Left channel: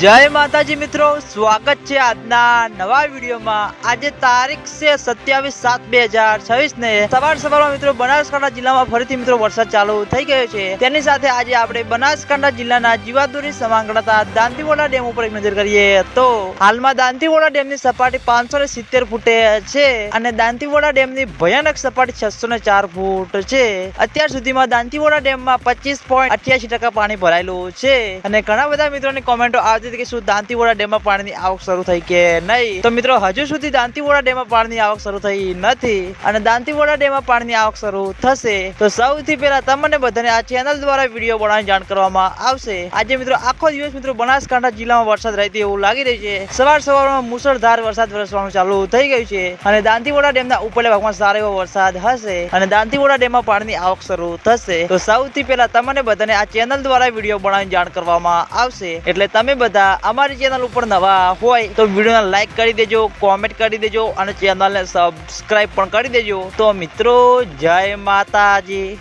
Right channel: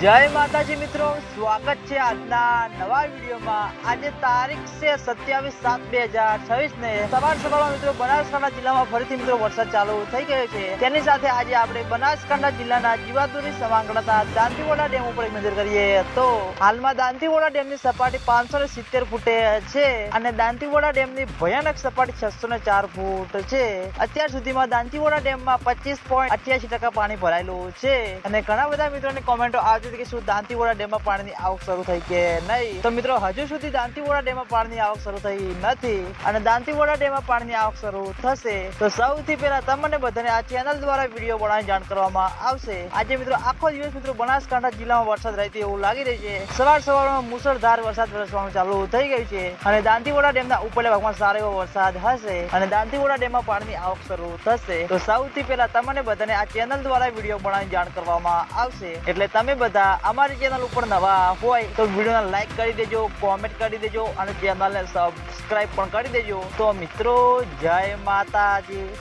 જય માતાજી મિત્રો, સ્વાગત છે આજના નવા વિડીયોમાં। આજે તારીખ છે 27/7/2026 ને સવારમાં મિત્રો બનાસકાંઠા જિલ્લામાં ફરીથી મિત્રો વરસાદ ચાલુ થઈ ગયો છે। તેની સાથે આજે આપણે બનાસકાંઠા જિલ્લાના જીવાદોરી સમાંગણતા દાંતીવાડા ડેમ ઉપર એક નજર કરીએ તો હાલમાં દાંતીવાડા ડેમની સપાટી 570 ફૂટે છે અને દાંતીવાડા ડેમની ભયાનક સપાટી 604 ફૂટ છે। અત્યાર સુધીમાં દાંતીવાડા ડેમમાં 25.88% પાણી ભરાયેલું છે અને ઘણા બધા મિત્રોની કોમેન્ટો કે શું દાંતીવાડા ડેમમાં પાણીની આવક શરૂ થઈ કે નહીં? તો મિત્રો હજુ સુધી દાંતીવાડા ડેમમાં પાણીની આવક શરૂ થઈ નથી અને દાંતીવાડા ડેમમાં પાણીની આવક શરૂ થશે તો સૌથી પહેલા તમને બધાને આ ચેનલ દ્વારા વિડીયો બનાવીને જાણ કરવામાં આવશે। આજે મિત્રો આખો દિવસ મિત્રો બનાસકાંઠા જિલ્લામાં વરસાદ રહેતી એવું લાગી રહ્યું છે। સવારમાં મુશળધાર વરસાદ વરસવાનું ચાલુ થઈ ગયું છે અને દાંતીવાડા ડેમના ઉપરના ભાગમાં સારો એવો વરસાદ હશે અને દાંતીવાડા ડેમમાં પાણીની આવક શરૂ થશે તો સૌથી પહેલા તમને બધાને આ ચેનલ દ્વારા વિડીયો બનાવીને જાણ કરવામાં આવશે। એટલે તમે બધા અમારી ચેનલ ઉપર નવા હોય તો વિડીયોને લાઈક કરી દેજો, કોમેન્ટ કરી દેજો અને ચેનલને સબસ્ક્રાઇબ પણ કરી દેજો। તો મિત્રો જય માતાજી।